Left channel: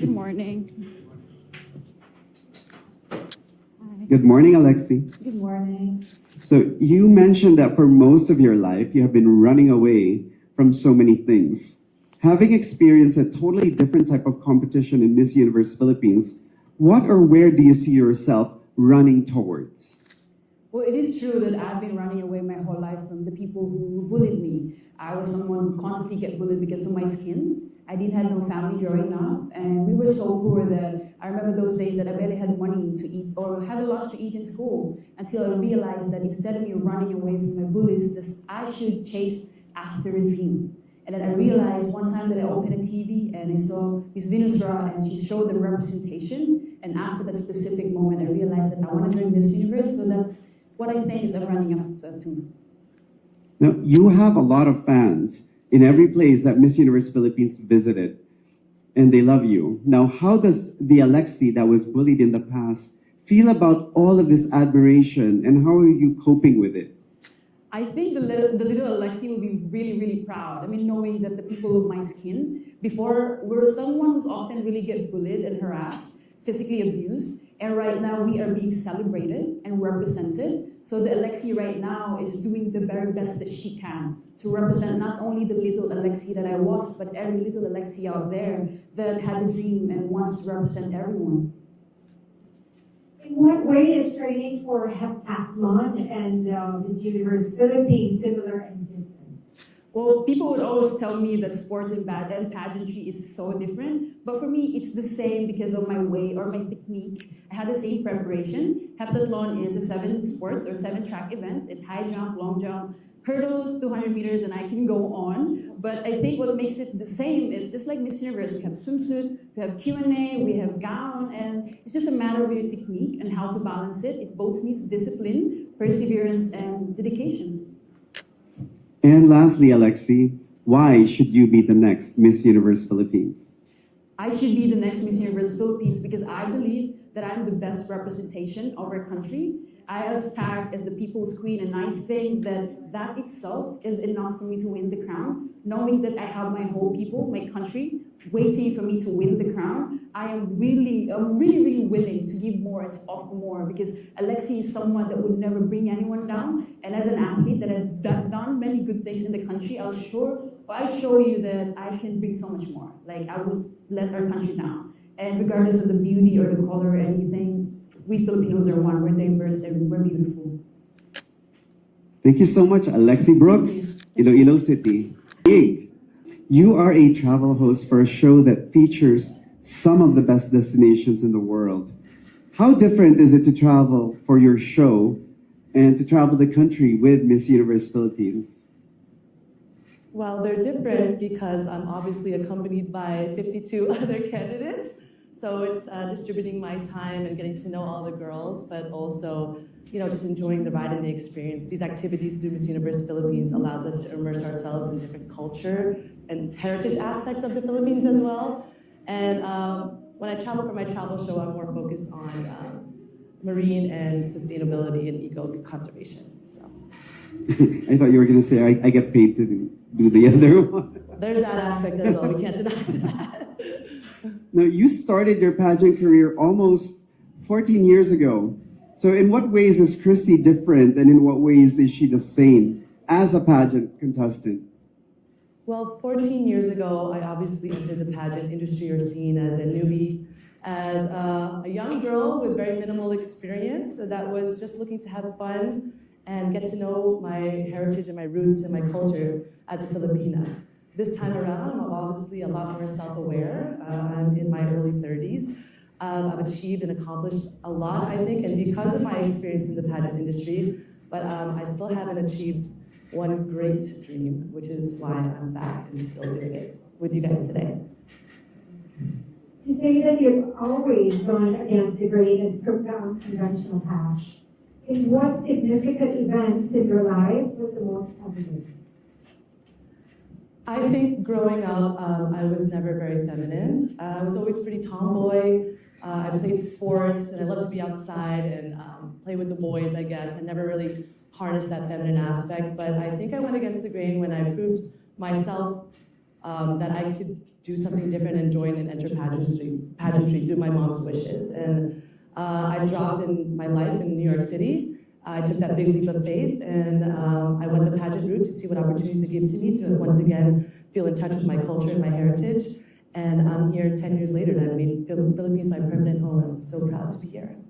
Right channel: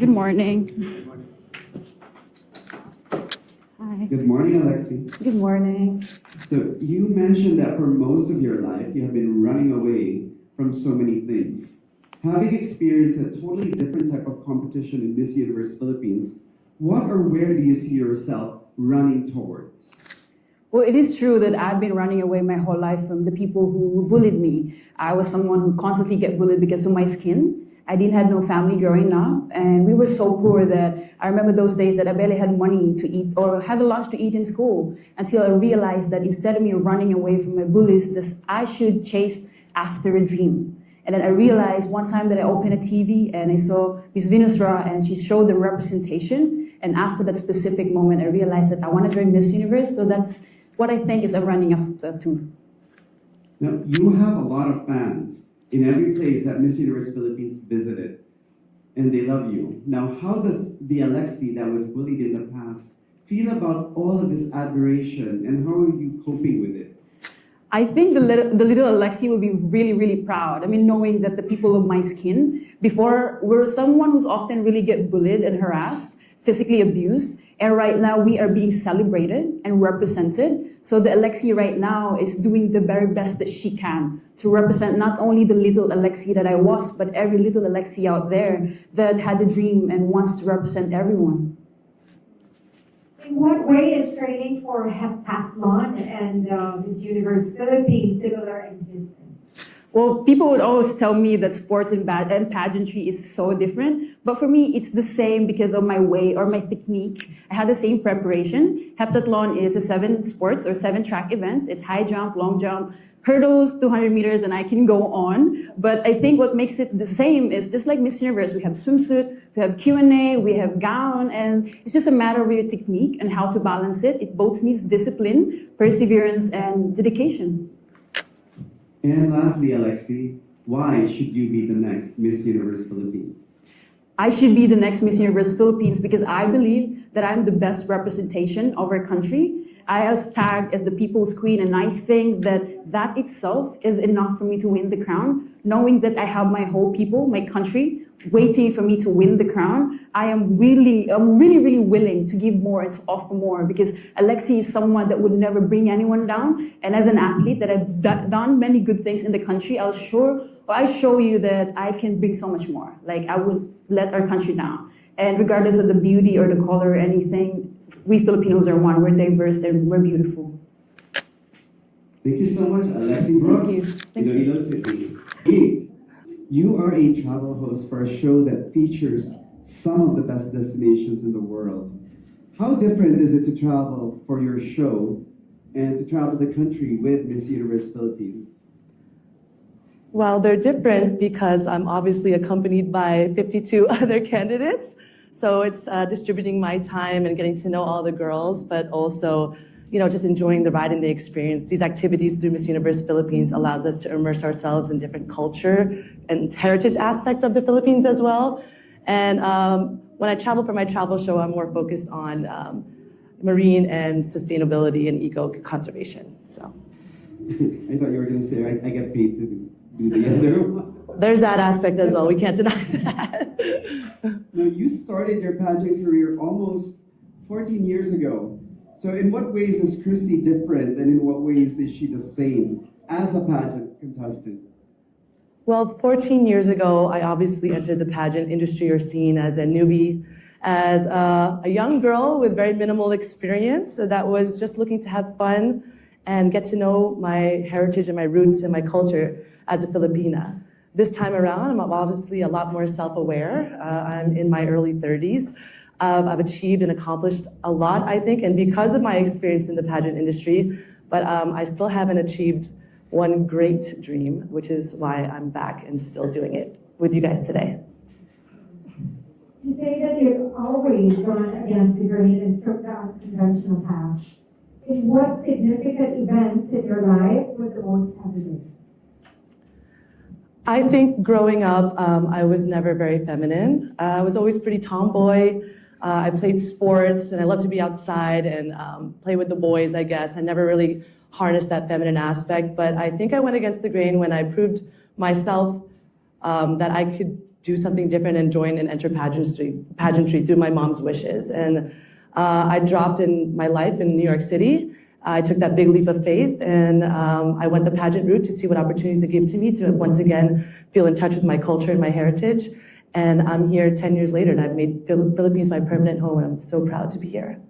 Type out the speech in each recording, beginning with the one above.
Good morning. Hi. Good morning, Alexi. Good morning. So you mentioned that for most of your life, you have been running away from so many things. Having experienced a totally different type of competition in Miss Universe Philippines, what or where do you see yourself running towards? Well, it is true that I've been running away my whole life from the people who bullied me. I was someone who constantly get bullied because of my skin. I didn't have no family growing up, and we were so poor that I remember those days that I barely had money to eat or had a lunch to eat in school until I realized that instead of me running away from my bullies, I should chase after a dream. And then I realized one time that I opened a TV and I saw Miss Venusra and she showed the representation. And after that specific moment, I realized that I want to join Miss Universe. So that's what I think is I'm running after too. Now, you have a lot of fans in every place that Miss Universe Philippines visited, and they love you. Now, how does the Alexi that was bullied in the past feel about all of this admiration, and how are you coping with it? I think the little Alexi will be really, really proud. I mean, knowing that the people of my skin before were someone who's often really get bullied and harassed, physically abused, and right now we are being celebrated and represented. So the Alexi right now is doing the very best that she can to represent not only the little Alexi that I was, but every little Alexi out there that had a dream and wants to represent everyone. In what way is training for heptathlon and Miss Universe Philippines similar and different? Well, people would always tell me that sports and pageantry is so different, but for me, it's the same because of my way or my technique. I had the same preparation. Heptathlon is 7 sports or 7 track events. It's high jump, long jump, hurdles, 200 meters, and I can go on. But I think what makes it the same is just like Miss Universe, we have swimsuit, we have Q&A, we have gown, and it's just a matter of your technique and how to balance it. It both needs discipline, perseverance, and dedication. And lastly, Alexi, why should you be the next Miss Universe Philippines? I should be the next Miss Universe Philippines because I believe that I'm the best representation of our country. I was tagged as the people's queen, and I think that itself is enough for me to win the crown. Knowing that I have my whole people, my country, waiting for me to win the crown, I'm really willing to give more and to offer more because Alexi is someone that would never bring anyone down. And as an athlete that I've done many good things in the country, I show you that I can bring so much more. Like I would let our country down. And regardless of the beauty or the color or anything, we Filipinos are one. We're diverse and we're beautiful. Thank you so much, Alexi Brooks, ILO-ILO City. Hey, you are a travel host for a show that features some of the best destinations in the world. How different is it to travel for your show and to travel the country with Miss Universe Philippines? Well, they're different because I'm obviously accompanied by 52 other candidates. So it's distributing my time and getting to know all the girls, but also, just enjoying the ride and the experience. These activities through Miss Universe Philippines allows us to immerse ourselves in different culture and heritage aspect of the Philippines as well. And when I travel for my travel show, I'm more focused on marine and sustainability and eco-conservation. So. I thought you were going to say, I get paid to do the other one. There's that aspect as well. We can't deny that. Now, you started your pageant career almost 14 years ago. So in what ways is Christy different, and in what ways is she the same as a pageant contestant? Well, 14 years ago, I obviously entered the pageant industry or scene as a newbie, as a young girl with very minimal experience that was just looking to have fun and get to know my heritage and my roots and my culture as a Filipina. This time around, I'm obviously a lot more self-aware. I'm in my early 30s. I've achieved and accomplished a lot, I think, and because of my experience in the pageant industry, but I still haven't achieved one great dream, which is why I'm back and still doing it with you guys today. You say that you've always gone against the grain and took the unconventional path. In what significant events in your life was the most evident? I think growing up, I was never very feminine. I was always pretty tomboy. I played sports, and I loved to be outside and play with the boys, I guess. I never really harnessed that feminine aspect, but I think I went against the grain when I proved myself that I could do something different and join and enter pageantry through my mom's wishes. And I dropped in my life in New York City. I took that big leap of faith, and I went the pageant route to see what opportunities it gave to me to once again feel in touch with my culture and my heritage. And I'm here 10 years later, and I've made Philippines my permanent home, and I'm so proud to be here.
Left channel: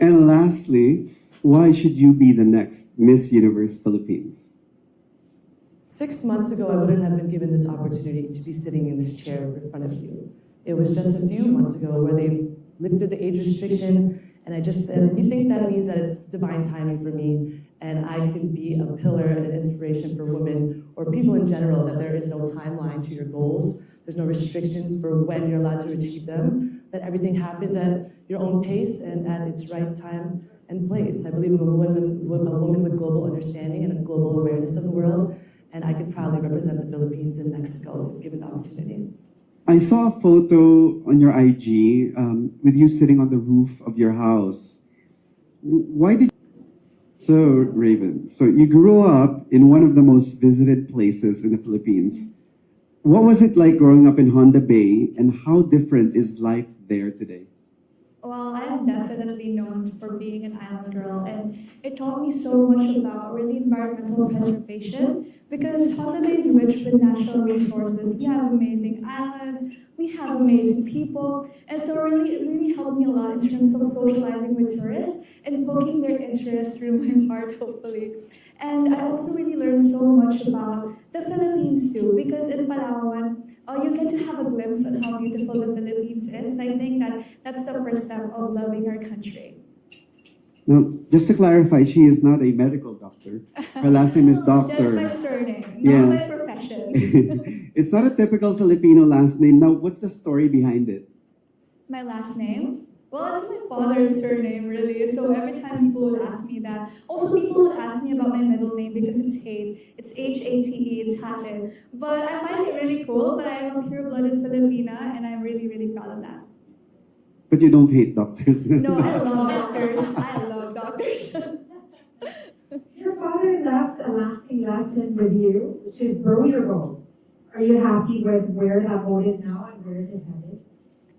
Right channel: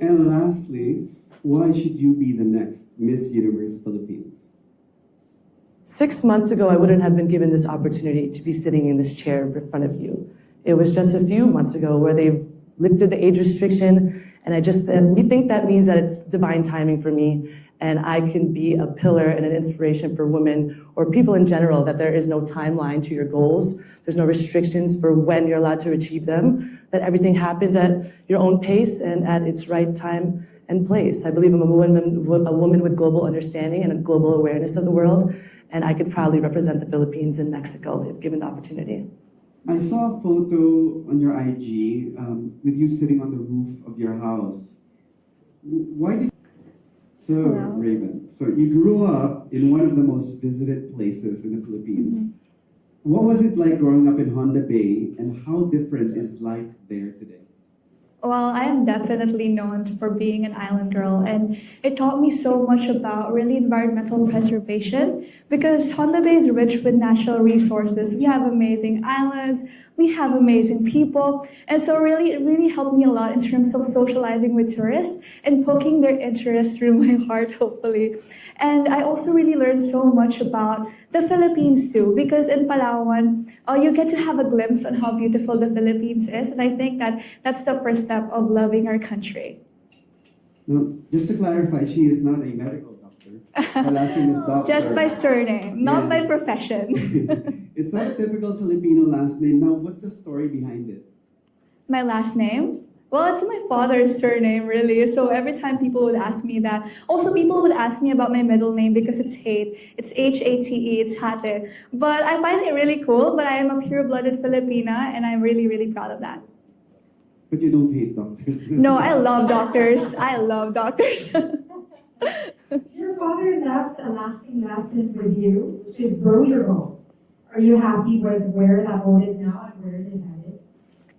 And lastly, why should you be the next Miss Universe Philippines? 6 months ago, I wouldn't have been given this opportunity to be sitting in this chair in front of you. It was just a few months ago where they lifted the age restriction, and I just said, we think that means that it's divine timing for me, and I can be a pillar and an inspiration for women or people in general, that there is no timeline to your goals. There's no restrictions for when you're allowed to achieve them, that everything happens at your own pace and at its right time and place. I believe I'm a woman with global understanding and a global awareness of the world, and I could proudly represent the Philippines and Mexico if given the opportunity. I saw a photo on your IG with you sitting on the roof of your house. Why did So, Raven, so you grew up in one of the most visited places in the Philippines. What was it like growing up in Honda Bay, and how different is life there today? Well, I am definitely known for being an island girl, and it taught me so much about really environmental preservation, because Honda Bay is rich with natural resources. We have amazing islands, we have amazing people, and so it really helped me a lot in terms of socializing with tourists and poking their interest through my heart, hopefully. And I also really learned so much about the Philippines too, because in Palawan, you get to have a glimpse on how beautiful the Philippines is, and I think that that's the first step of loving our country. Now, just to clarify, she is not a medical doctor. Her last name is Doctor. Just by surname, not Yes. by profession. It's not a typical Filipino last name. Now, what's the story behind it? My last name? Well, it's my father's surname, really. So every time people would ask me that. Also, people would ask me about my middle name because it's Hate. It's H-A-T-E, it's Hate. But I find it really cool, but I am a pure-blooded Filipina, and I'm really, really proud of that. But you don't hate doctors. No, I love doctors. I love doctors. Your father left a lasting lesson with you, which is row your boat. Are you happy with where that boat is now and where is it headed?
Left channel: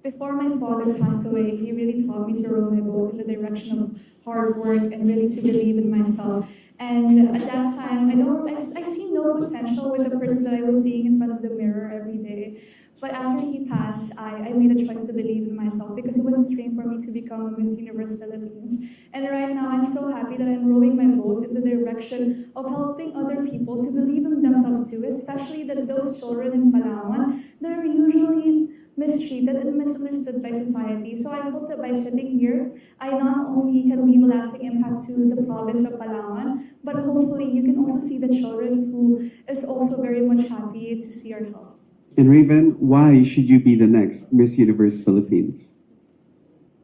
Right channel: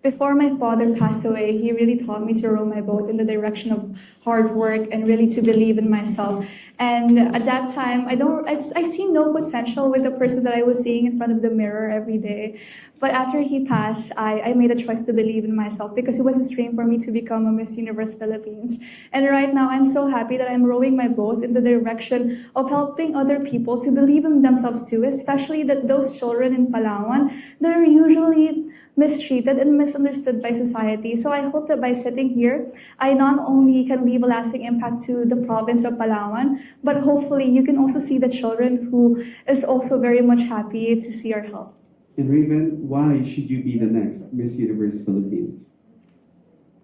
Before my father passed away, he really taught me to row my boat in the direction of hard work and really to believe in myself. And at that time, I see no potential with the person that I was seeing in front of the mirror every day. But after he passed, I made a choice to believe in myself because it was a dream for me to become a Miss Universe Philippines. And right now, I'm so happy that I'm rowing my boat in the direction of helping other people to believe in themselves too, especially that those children in Palawan, they're usually mistreated and misunderstood by society. So I hope that by sitting here, I not only can leave a lasting impact to the province of Palawan, but hopefully you can also see the children who is also very much happy to see our help. And Raven, why should you be the next Miss Universe Philippines?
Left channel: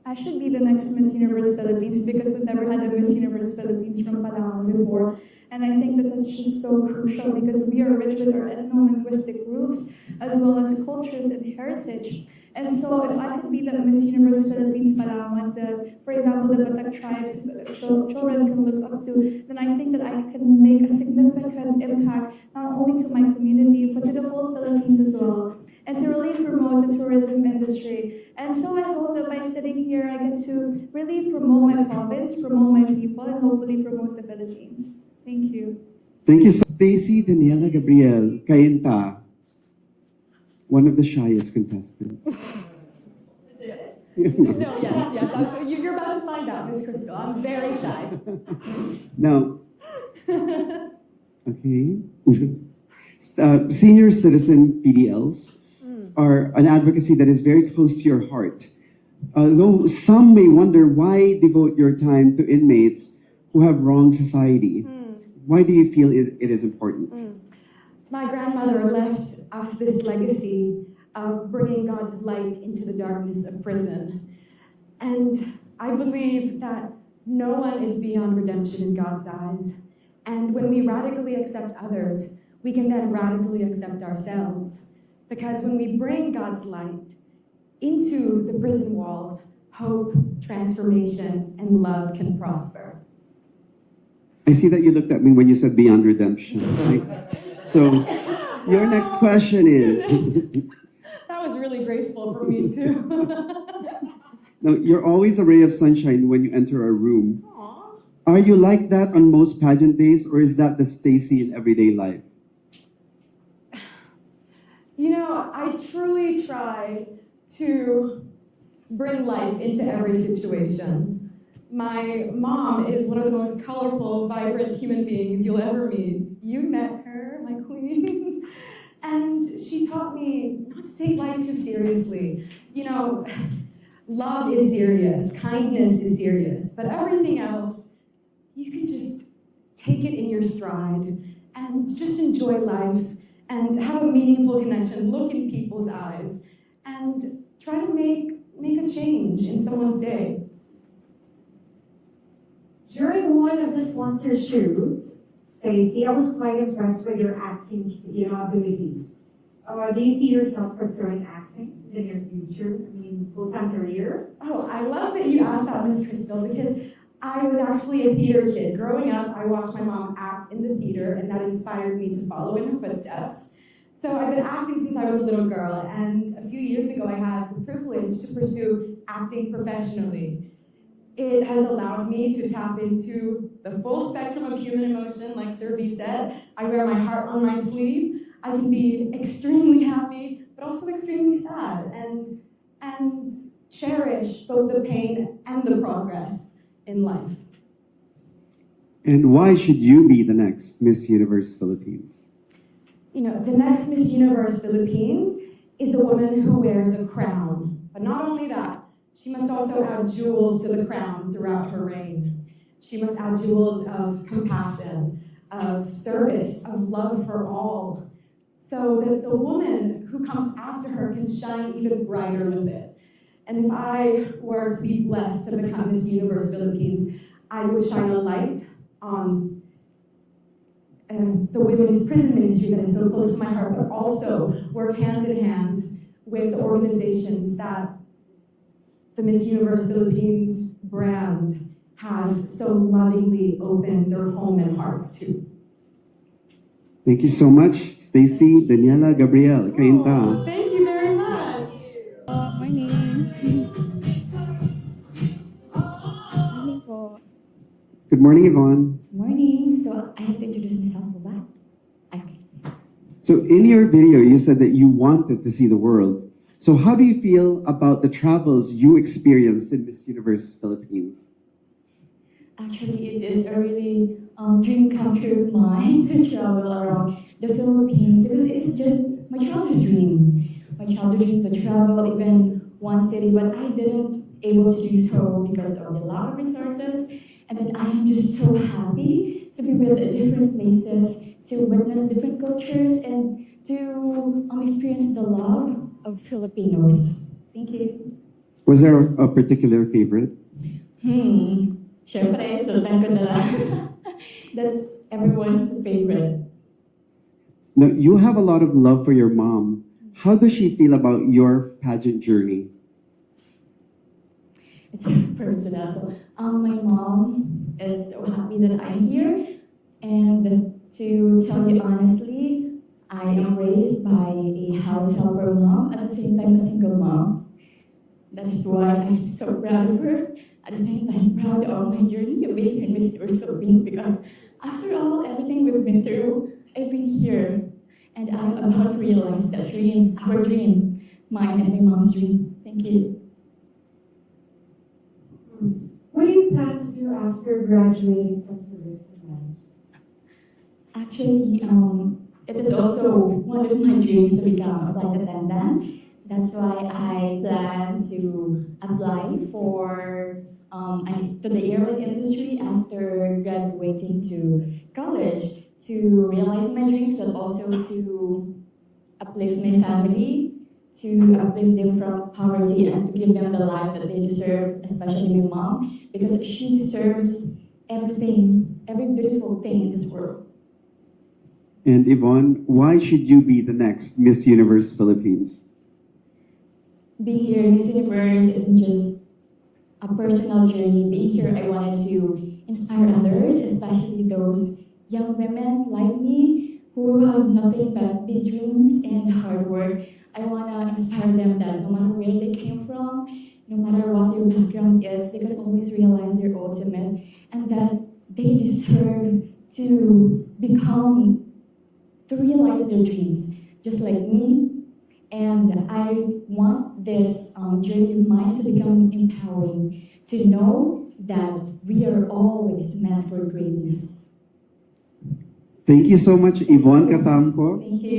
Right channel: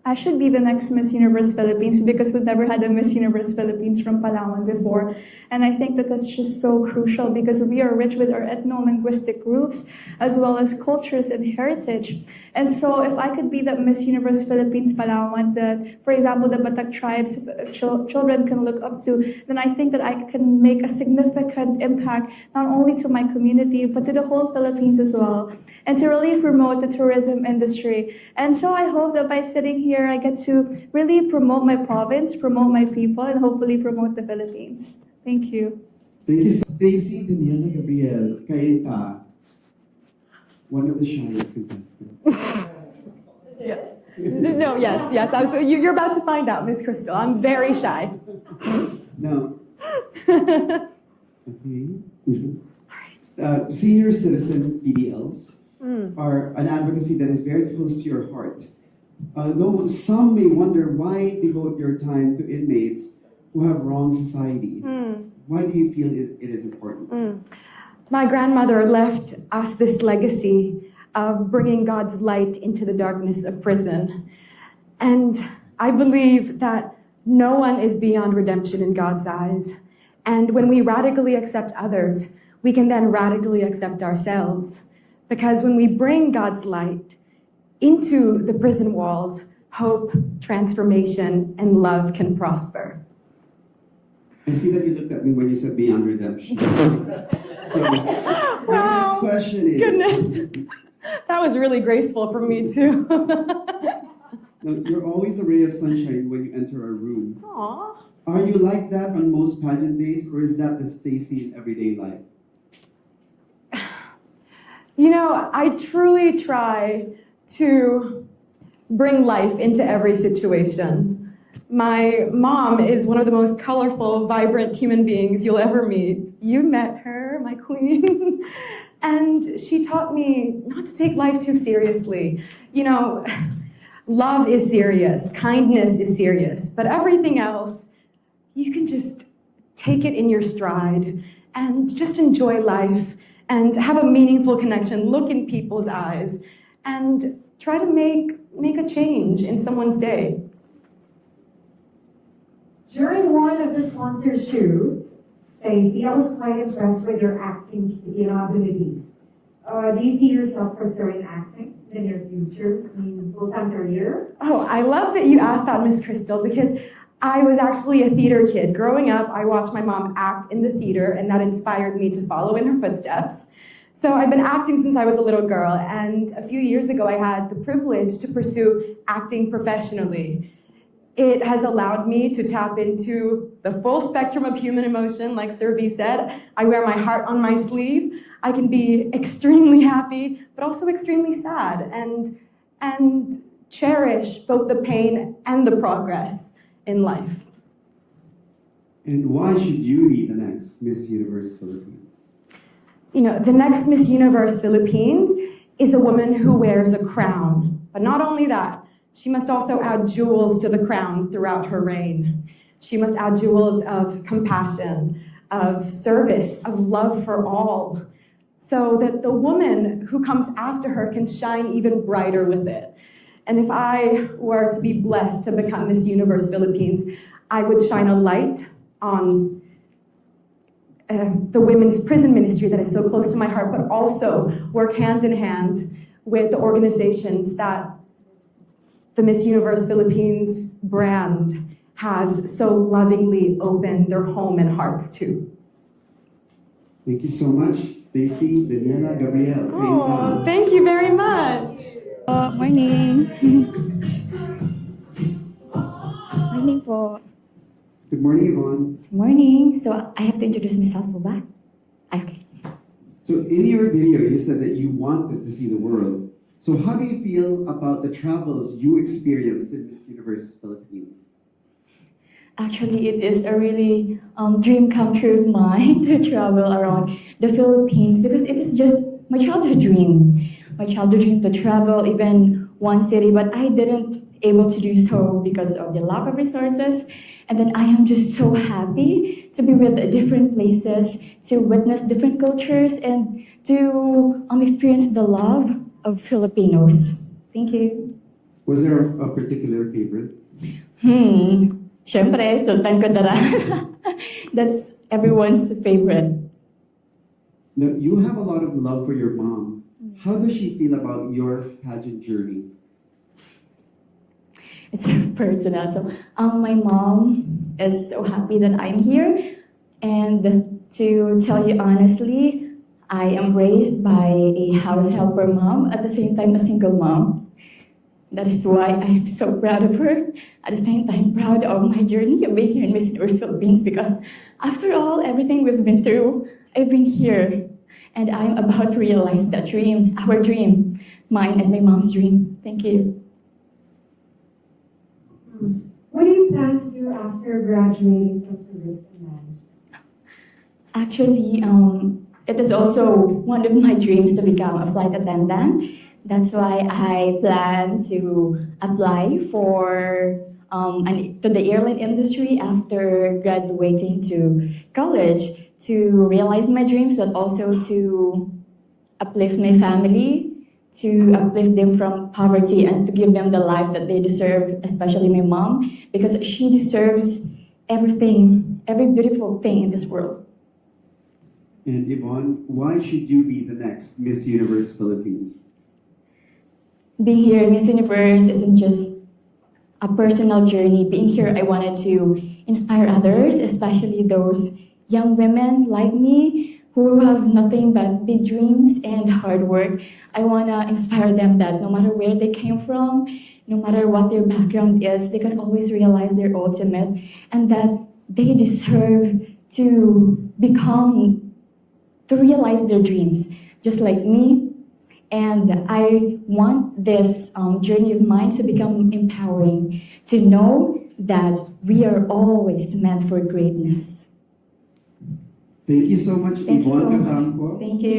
I should be the next Miss Universe Philippines because we've never had a Miss Universe Philippines from Palawan before. And I think that that's just so crucial because we are rich with our ethno-linguistic groups as well as cultures and heritage. And so if I could be the Miss Universe Philippines Palawan that, for example, the Batak tribes children can look up to, then I think that I can make a significant impact not only to my community but to the whole Philippines as well, and to really promote the tourism industry. And so I hope that by sitting here, I get to really promote my province, promote my people, and hopefully promote the Philippines. Thank you. Thank you. Stacy Daniela Gabriel, CAINTA, one of the shyest contestants. No, yes, absolutely. You're about to find out, Miss Crystal. I'm very shy. Now, okay. Senior citizen PDLs are an advocacy that is very close to your heart. Though some may wonder why devote your time to inmates who have wronged society. Why do you feel it is important? My grandmother left us this legacy of bringing God's light into the darkness of prison. And I believe that no one is beyond redemption in God's eyes. And when we radically accept others, we can then radically accept ourselves. Because when we bring God's light into the prison walls, hope, transformation, and love can prosper. I see that you looked at me when you said beyond redemption. So, your next question is, That was really graceful from me too. Now, you're always a ray of sunshine when you enter a room. Aww. Are you like that on most pageant days, or is that the Stacy in everyday life? You know, I truly try to bring life into every situation. My mom is one of the most colorful, vibrant human beings you'll ever meet. You met her, my queen. And she taught me not to take life too seriously. You know, love is serious, kindness is serious, but everything else, you can just take it in your stride and just enjoy life and have a meaningful connection, look in people's eyes, and try to make a change in someone's day. During one of the sponsor shoots, Stacey, I was quite impressed with your acting, abilities. Do you see yourself pursuing acting in your future, full-time career? Oh, I love that you asked that, Miss Crystal, because I was actually a theater kid. Growing up, I watched my mom act in the theater, and that inspired me to follow in her footsteps. So I've been acting since I was a little girl, and a few years ago, I had the privilege to pursue acting professionally. It has allowed me to tap into the full spectrum of human emotion, like Sir V said. I wear my heart on my sleeve. I can be extremely happy, but also extremely sad, and cherish both the pain and the progress in life. And why should you be the next Miss Universe Philippines? You know, the next Miss Universe Philippines is a woman who wears a crown. But not only that, she must also add jewels to the crown throughout her reign. She must add jewels of compassion, of service, of love for all, so that the woman who comes after her can shine even brighter with it. And if I were to be blessed to become Miss Universe Philippines, I would shine a light on the women's prison ministry that is so close to my heart, but also work hand in hand with the organizations that the Miss Universe Philippines brand has so lovingly opened their home and hearts to. Thank you so much, Stacy, Daniela, Gabrielle, CAINTA. Oh, thank you very much. Morning. Morning po. Good morning, Ivon. Morning. So I have to introduce myself po ba? Okay. So in your video, you said that you wanted to see the world. So how do you feel about the travels you experienced in Miss Universe Philippines? Actually, it is a really dream come true of mine to travel around the Philippines because it is just my childhood dream. My childhood dream to travel even one city, but I didn't able to do so because of the lack of resources. And then I am just so happy to be with different places, to witness different cultures, and to experience the love of Filipinos. Thank you. Was there a particular favorite? Syempre, Sultan Kudarat. That's everyone's favorite. Now, you have a lot of love for your mom. How does she feel about your pageant journey? It's personal. So, my mom is so happy that I'm here. And to tell you honestly, I am raised by a house helper mom, at the same time a single mom. That is why I am so proud of her. At the same time, proud of my journey of being here in Miss Universe Philippines because after all, everything we've been through, I've been here. And I'm about to realize that dream, our dream, mine and my mom's dream. Thank you. What do you plan to do after graduating from service command? Actually, it is also one of my dreams to become a flight attendant. That's why I plan to apply for to the airline industry after graduating to college to realize my dreams, but also to uplift my family, to uplift them from poverty and to give them the life that they deserve, especially my mom, because she deserves everything, every beautiful thing in this world. And Yvonne, why should you be the next Miss Universe Philippines? Being here in Miss Universe isn't just a personal journey. Being here, I wanted to inspire others, especially those young women like me who have nothing but big dreams and hard work. I want to inspire them that no matter where they came from, no matter what their background is, they can always realize their ultimate, and that they deserve to realize their dreams, just like me. And I want this journey of mine to become empowering, to know that we are always meant for greatness. Thank you so much, Thank you Ivon so much. Catampo. Thank you.